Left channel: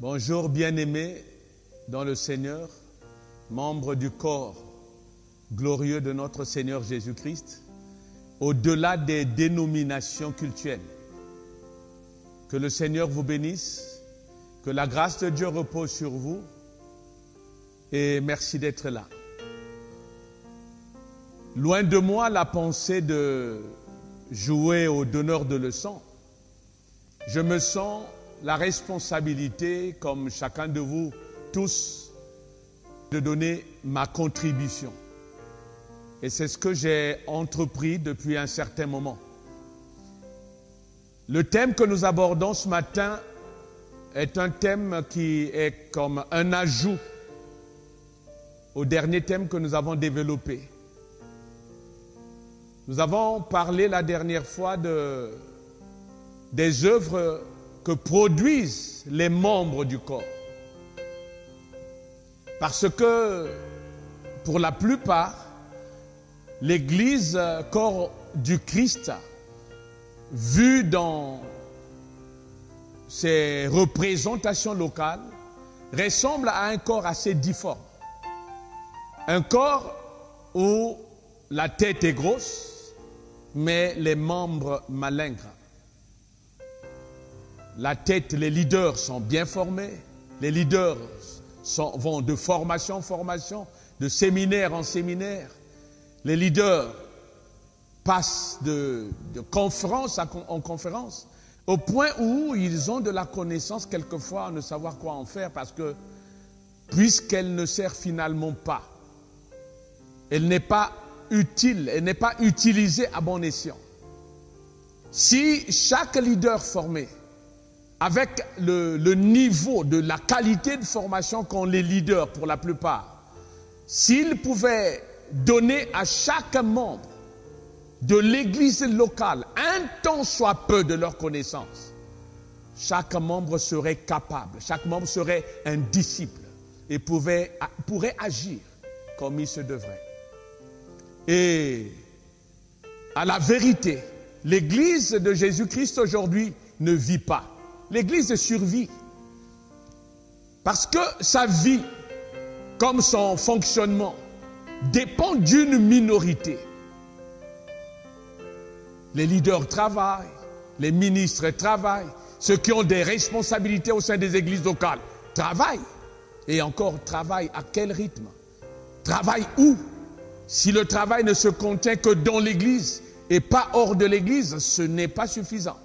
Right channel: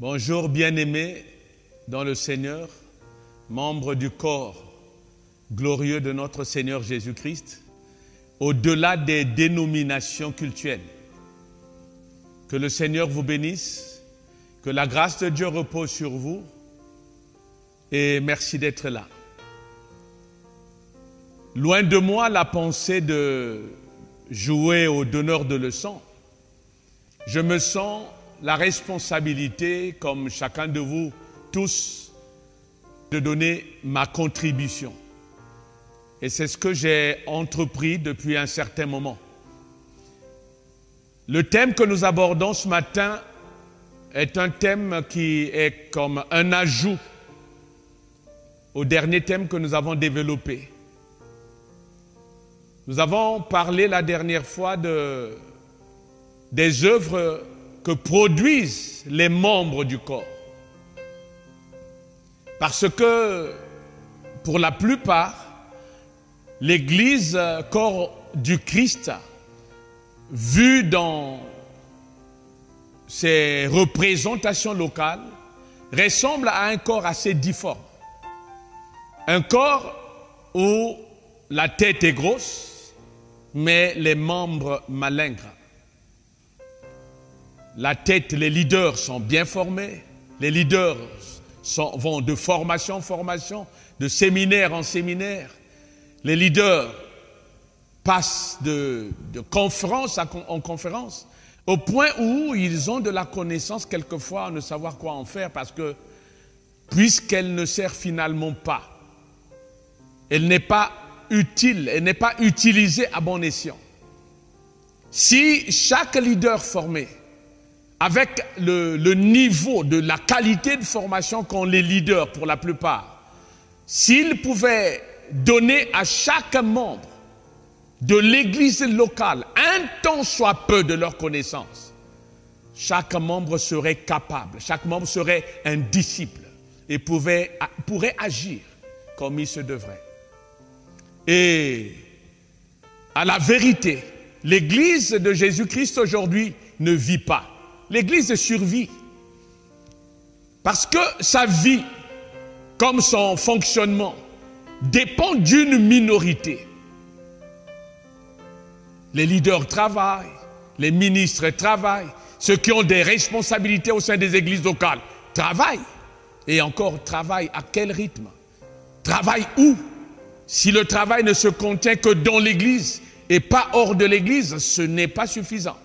Bonjour bien-aimés dans le Seigneur, membres du corps glorieux de notre Seigneur Jésus-Christ, au-delà des dénominations cultuelles. Que le Seigneur vous bénisse, que la grâce de Dieu repose sur vous et merci d'être là. Loin de moi la pensée de jouer au donneur de leçons. Je me sens la responsabilité, comme chacun de vous tous, de donner ma contribution. Et c'est ce que j'ai entrepris depuis un certain moment. Le thème que nous abordons ce matin est un thème qui est comme un ajout au dernier thème que nous avons développé. Nous avons parlé la dernière fois des œuvres que produisent les membres du corps. Parce que, pour la plupart, l'Église, corps du Christ, vue dans ses représentations locales, ressemble à un corps assez difforme. Un corps où la tête est grosse, mais les membres malingres. La tête, les leaders sont bien formés. Les leaders vont de formation en formation, de séminaire en séminaire. Les leaders passent de conférence en conférence, au point où ils ont de la connaissance quelquefois à ne savoir quoi en faire, parce que puisqu'elle ne sert finalement pas, elle n'est pas utile, elle n'est pas utilisée à bon escient. Si chaque leader formé, avec le niveau de la qualité de formation qu'ont les leaders pour la plupart, s'ils pouvaient donner à chaque membre de l'église locale un tant soit peu de leur connaissance, chaque membre serait capable, chaque membre serait un disciple et pourrait agir comme il se devrait. Et à la vérité, l'église de Jésus-Christ aujourd'hui ne vit pas. L'Église survit parce que sa vie, comme son fonctionnement, dépend d'une minorité. Les leaders travaillent, les ministres travaillent, ceux qui ont des responsabilités au sein des églises locales travaillent. Et encore, travaillent à quel rythme? Travaillent où? Si le travail ne se contient que dans l'église et pas hors de l'église, ce n'est pas suffisant.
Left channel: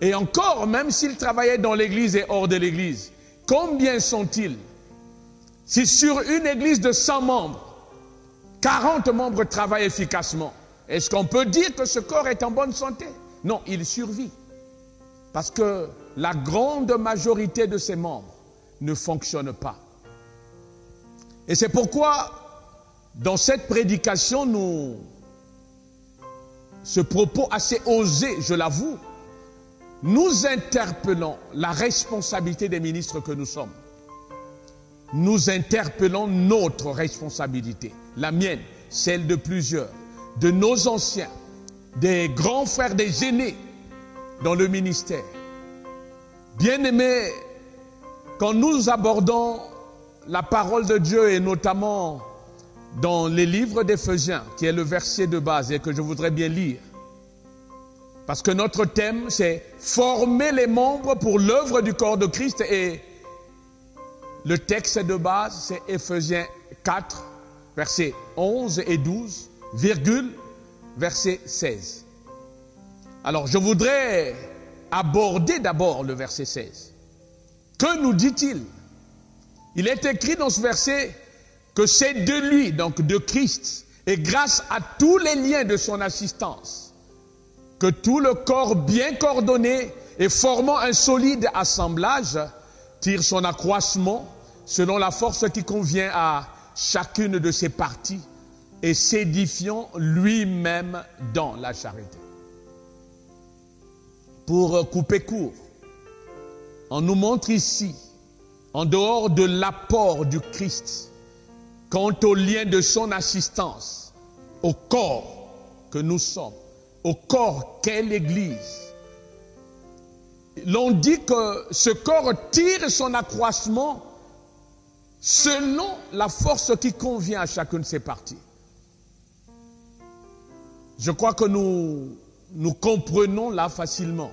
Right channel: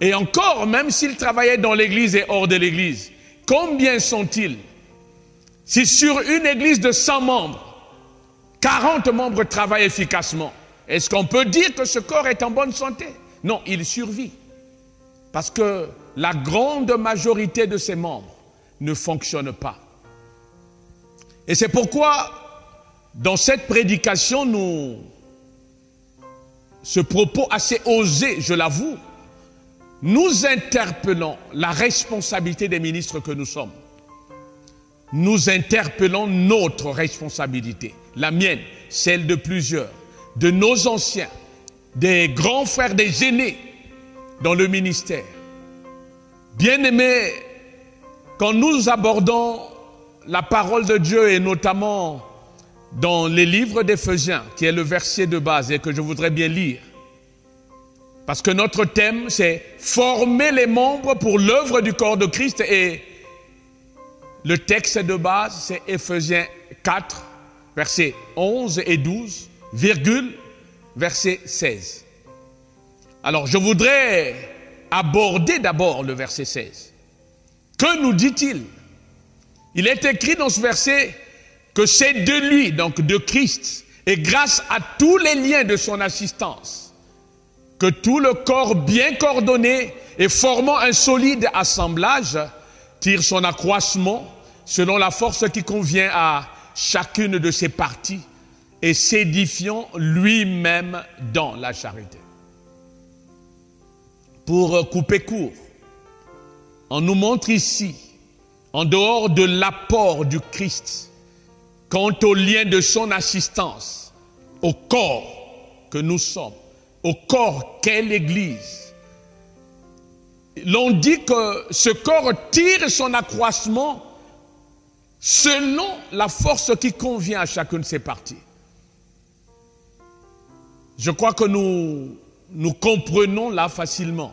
Et encore, même s'ils travaillaient dans l'église et hors de l'église, combien sont-ils? Si sur une église de 100 membres, 40 membres travaillent efficacement, est-ce qu'on peut dire que ce corps est en bonne santé? Non, il survit. Parce que la grande majorité de ses membres ne fonctionnent pas. Et c'est pourquoi, dans cette prédication, ce propos assez osé, je l'avoue, nous interpellons la responsabilité des ministres que nous sommes. Nous interpellons notre responsabilité, la mienne, celle de plusieurs, de nos anciens, des grands frères, des aînés dans le ministère. Bien-aimés, quand nous abordons la parole de Dieu et notamment dans les livres d'Éphésiens, qui est le verset de base et que je voudrais bien lire, parce que notre thème, c'est former les membres pour l'œuvre du corps de Christ. Et le texte de base, c'est Éphésiens 4, versets 11 et 12, virgule, verset 16. Alors, je voudrais aborder d'abord le verset 16. Que nous dit-il? Il est écrit dans ce verset que c'est de lui, donc de Christ, et grâce à tous les liens de son assistance, que tout le corps bien coordonné et formant un solide assemblage tire son accroissement selon la force qui convient à chacune de ses parties et s'édifiant lui-même dans la charité. Pour couper court, on nous montre ici, en dehors de l'apport du Christ, quant au lien de son assistance au corps que nous sommes, au corps qu'est l'Église, l'on dit que ce corps tire son accroissement selon la force qui convient à chacune de ses parties. Je crois que nous comprenons là facilement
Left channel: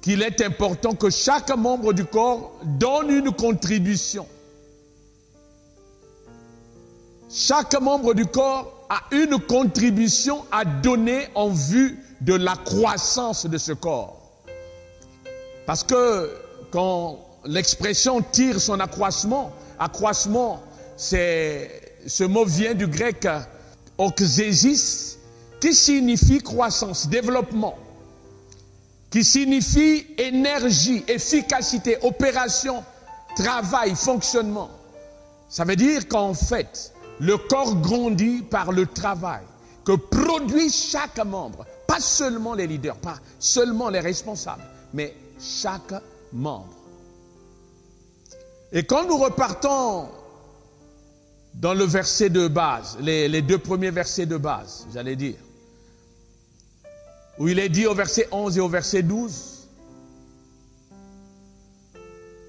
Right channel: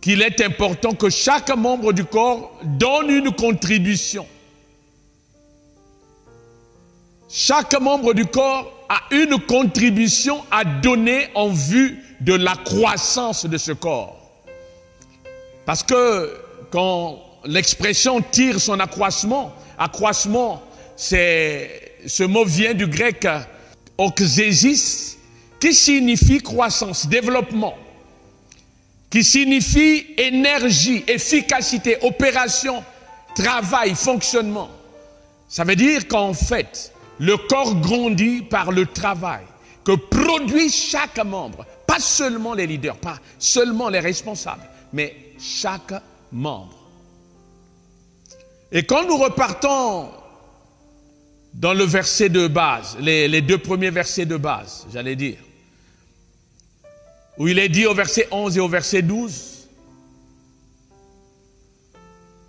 qu'il est important que chaque membre du corps donne une contribution. Chaque membre du corps a une contribution à donner en vue de la croissance de ce corps. Parce que quand l'expression tire son accroissement, ce mot vient du grec oxésis, qui signifie croissance, développement, qui signifie énergie, efficacité, opération, travail, fonctionnement. Ça veut dire qu'en fait, le corps grandit par le travail que produit chaque membre, pas seulement les leaders, pas seulement les responsables, mais chaque membre. Et quand nous repartons dans le verset de base, les deux premiers versets de base, j'allais dire, où il est dit au verset 11 et au verset 12,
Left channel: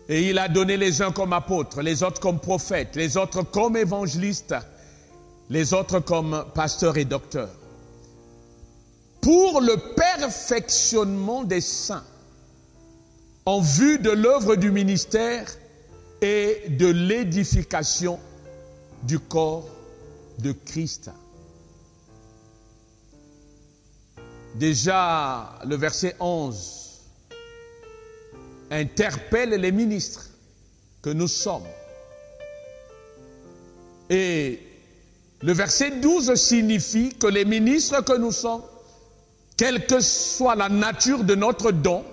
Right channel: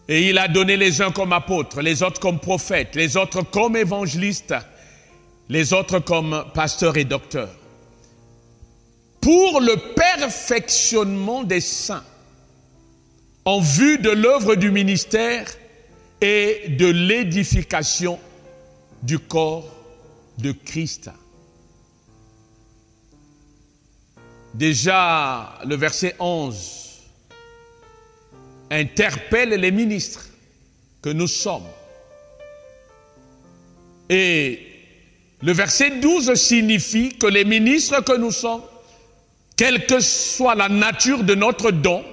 et il a donné les uns comme apôtres, les autres comme prophètes, les autres comme évangélistes, les autres comme pasteurs et docteurs, pour le perfectionnement des saints, en vue de l'œuvre du ministère et de l'édification du corps de Christ. Déjà, le verset 11 interpelle les ministres que nous sommes. Et le verset 12 signifie que les ministres que nous sommes, quelle que soit la nature de notre don,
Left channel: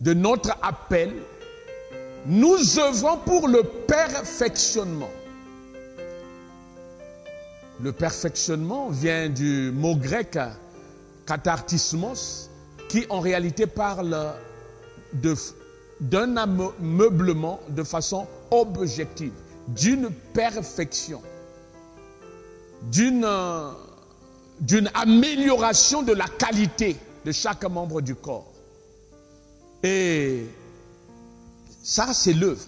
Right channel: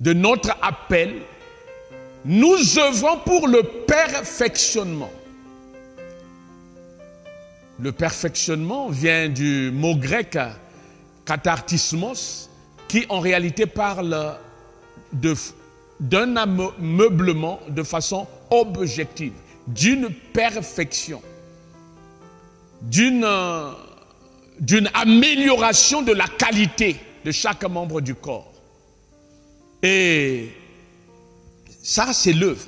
de notre appel, nous œuvrons pour le perfectionnement. Le perfectionnement vient du mot grec kathartismos, qui en réalité parle d'un ameublement de façon objective, d'une perfection, d'une amélioration de la qualité de chaque membre du corps. Et ça, c'est l'œuvre.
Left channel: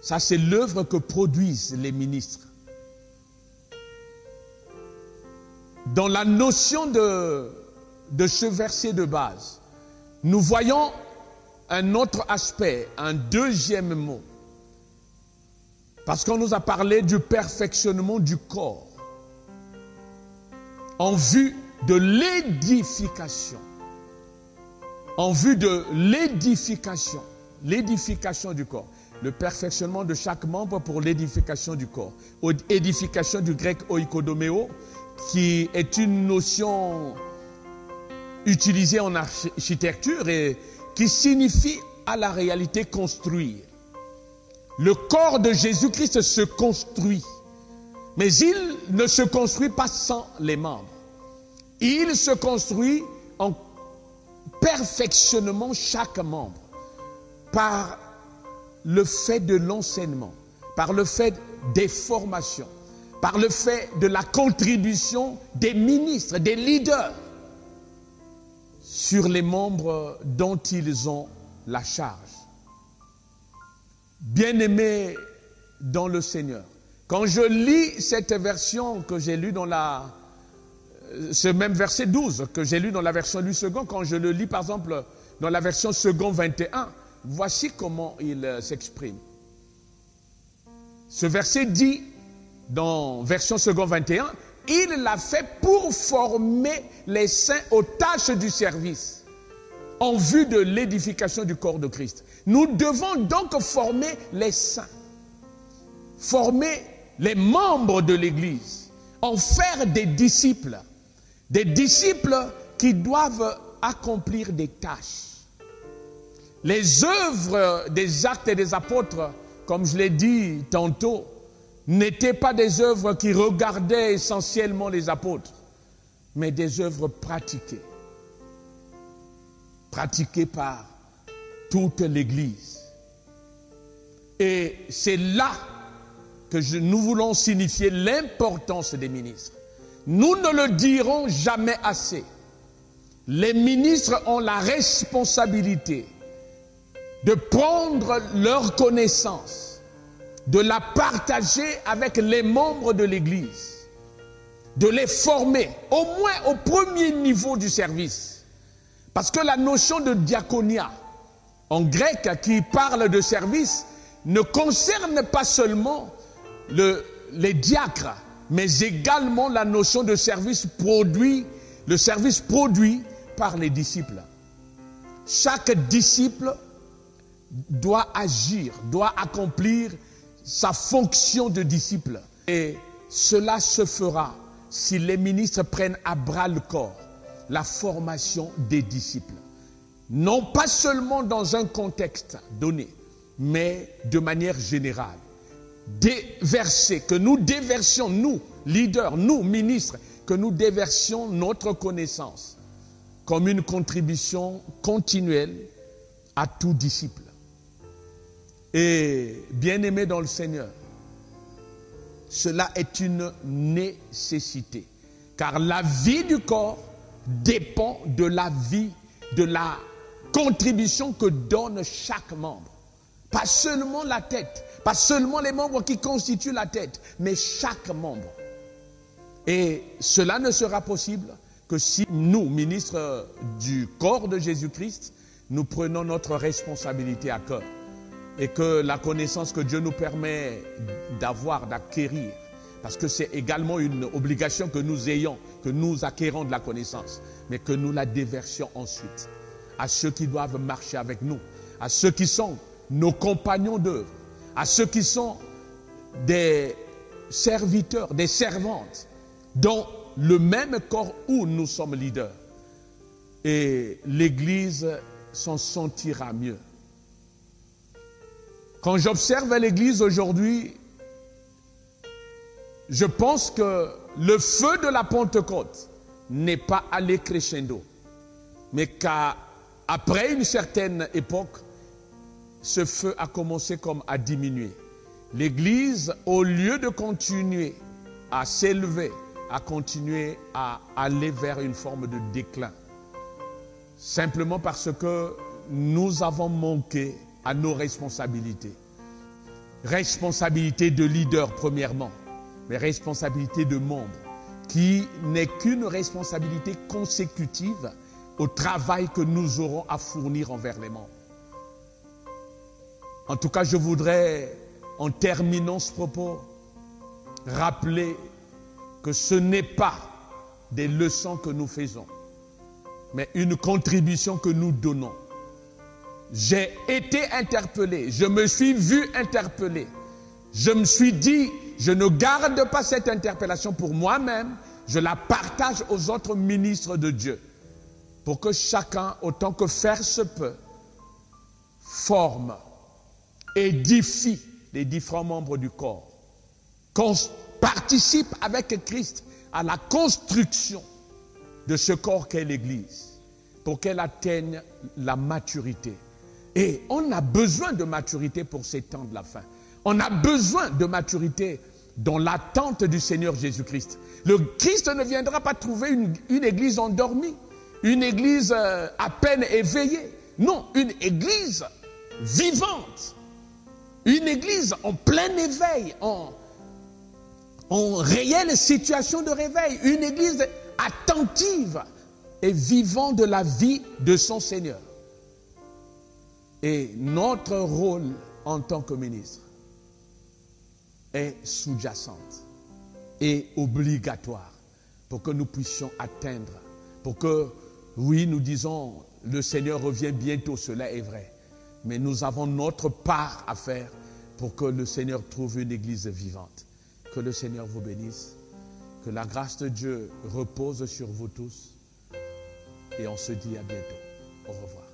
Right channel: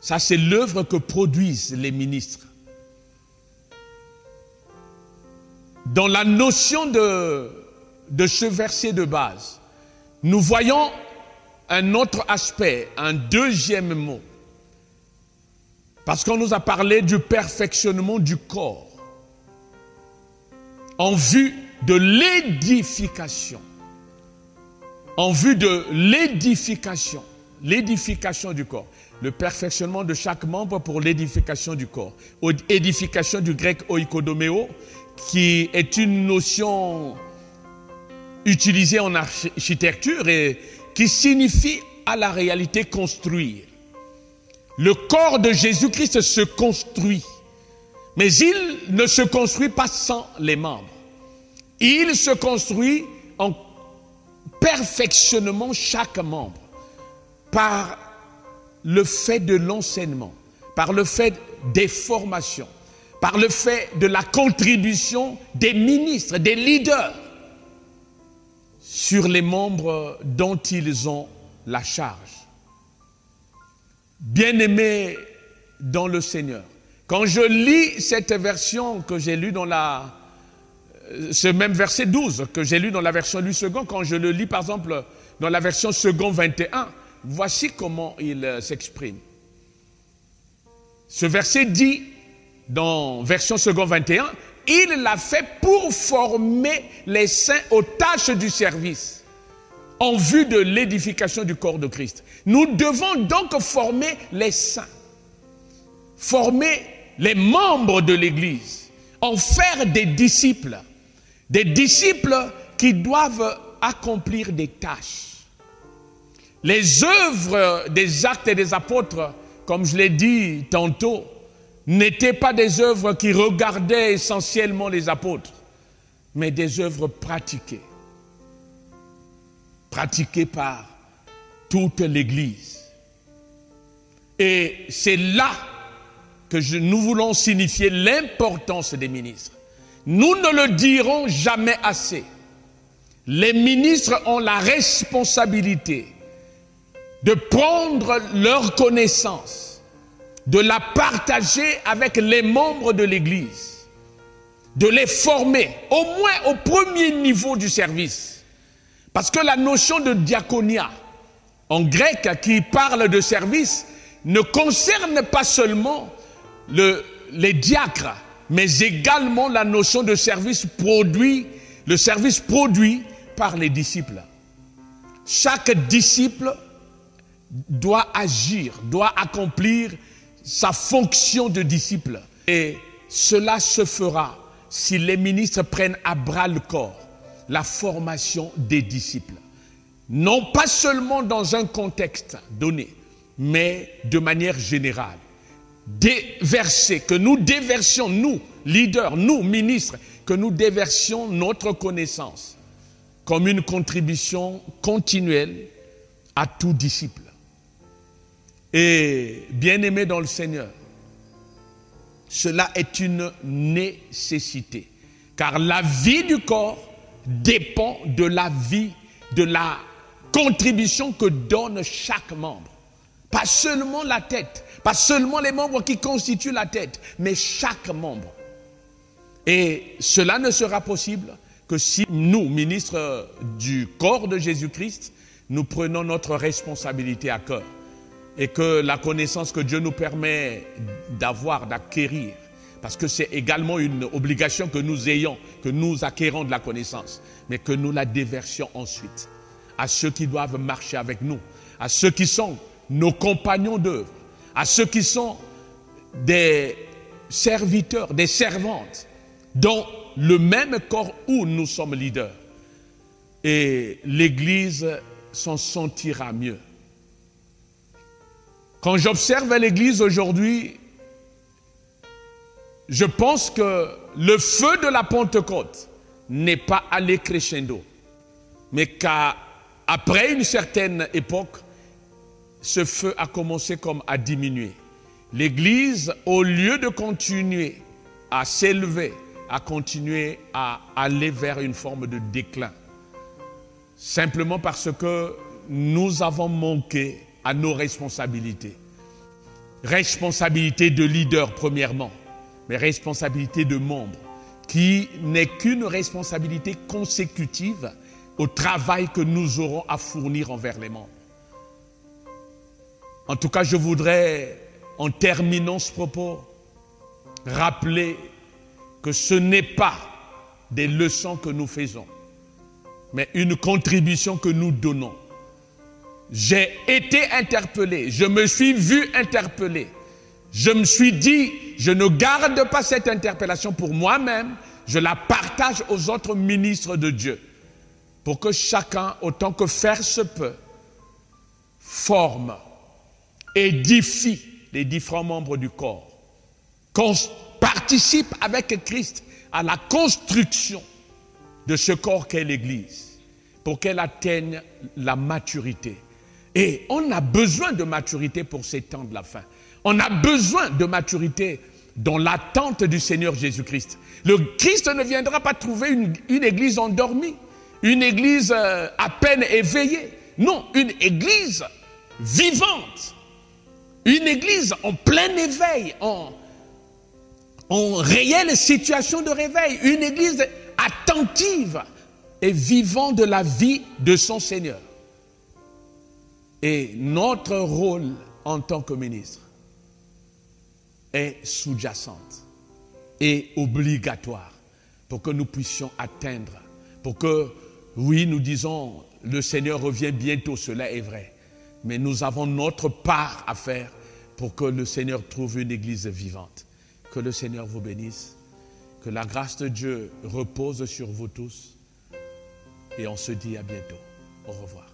Ça, c'est l'œuvre que produisent les ministres. Dans la notion de ce verset de base, nous voyons un autre aspect, un deuxième mot. Parce qu'on nous a parlé du perfectionnement du corps en vue de l'édification. En vue de l'édification. L'édification du corps. Le perfectionnement de chaque membre pour l'édification du corps. Édification du grec oikodomeo, qui est une notion utilisée en architecture et qui signifie à la réalité construire. Le corps de Jésus-Christ se construit, mais il ne se construit pas sans les membres. Il se construit en perfectionnement chaque membre par le fait de l'enseignement, par le fait des formations, par le fait de la contribution des ministres, des leaders sur les membres dont ils ont la charge. Bien-aimés dans le Seigneur, quand je lis cette version que j'ai lue dans ce même verset 12 que j'ai lu dans la version Louis II, quand je le lis par exemple dans la version Second 21, voici comment il s'exprime. Ce verset dit, dans version Second 21, il l'a fait pour former les saints aux tâches du service, en vue de l'édification du corps de Christ. Nous devons donc former les saints, former les membres de l'Église, en faire des disciples qui doivent accomplir des tâches. Les œuvres des actes et des apôtres, comme je l'ai dit tantôt, n'étaient pas des œuvres qui regardaient essentiellement les apôtres, mais des œuvres pratiquées par toute l'Église. Et c'est là que nous voulons signifier l'importance des ministres. Nous ne le dirons jamais assez. les ministres ont la responsabilité de prendre leur connaissance, de la partager avec les membres de l'Église, de les former, au moins au premier niveau du service. Parce que la notion de diaconia, en grec, qui parle de service, ne concerne pas seulement les diacres, mais également la notion de service produit, le service produit par les disciples. Chaque disciple doit agir, doit accomplir sa fonction de disciple. Et cela se fera si les ministres prennent à bras le corps la formation des disciples. Non pas seulement dans un contexte donné, mais de manière générale. Que nous déversions, nous, leaders, nous, ministres, que nous déversions notre connaissance comme une contribution continuelle à tout disciple. Et bien-aimé dans le Seigneur, cela est une nécessité, car la vie du corps dépend de la vie, de la contribution que donne chaque membre. Pas seulement la tête, pas seulement les membres qui constituent la tête, mais chaque membre. Et cela ne sera possible que si nous, ministres du corps de Jésus-Christ, nous prenons notre responsabilité à cœur. Et que la connaissance que Dieu nous permet d'avoir, d'acquérir, parce que c'est également une obligation que nous ayons, que nous acquérons de la connaissance, mais que nous la déversions ensuite à ceux qui doivent marcher avec nous, à ceux qui sont nos compagnons d'œuvre, à ceux qui sont des serviteurs, des servantes, dans le même corps où nous sommes leaders. Et l'Église s'en sentira mieux. Quand j'observe l'Église aujourd'hui, je pense que le feu de la Pentecôte n'est pas allé crescendo, mais qu'après une certaine époque, ce feu a commencé comme à diminuer. L'Église, au lieu de continuer à s'élever, a continué à aller vers une forme de déclin. Simplement parce que nous avons manqué à nos responsabilités. Responsabilité de leader premièrement, mais responsabilité de membre, qui n'est qu'une responsabilité consécutive au travail que nous aurons à fournir envers les membres. En tout cas, je voudrais, en terminant ce propos, rappeler que ce n'est pas des leçons que nous faisons, mais une contribution que nous donnons. J'ai été interpellé, je me suis vu interpellé. Je me suis dit, je ne garde pas cette interpellation pour moi-même, je la partage aux autres ministres de Dieu, pour que chacun, autant que faire se peut, forme, édifie les différents membres du corps, participe avec Christ à la construction de ce corps qu'est l'Église, pour qu'elle atteigne la maturité. Et on a besoin de maturité pour ces temps de la fin. On a besoin de maturité dans l'attente du Seigneur Jésus-Christ. Le Christ ne viendra pas trouver une église endormie, une église à peine éveillée. Non, une église vivante, une église en plein éveil, en réelle situation de réveil, une église attentive et vivant de la vie de son Seigneur. Et notre rôle en tant que ministre est sous-jacente et obligatoire pour que nous puissions atteindre, pour que, oui, nous disons, le Seigneur revient bientôt, cela est vrai, mais nous avons notre part à faire pour que le Seigneur trouve une église vivante. Que le Seigneur vous bénisse, que la grâce de Dieu repose sur vous tous et on se dit à bientôt. Au revoir.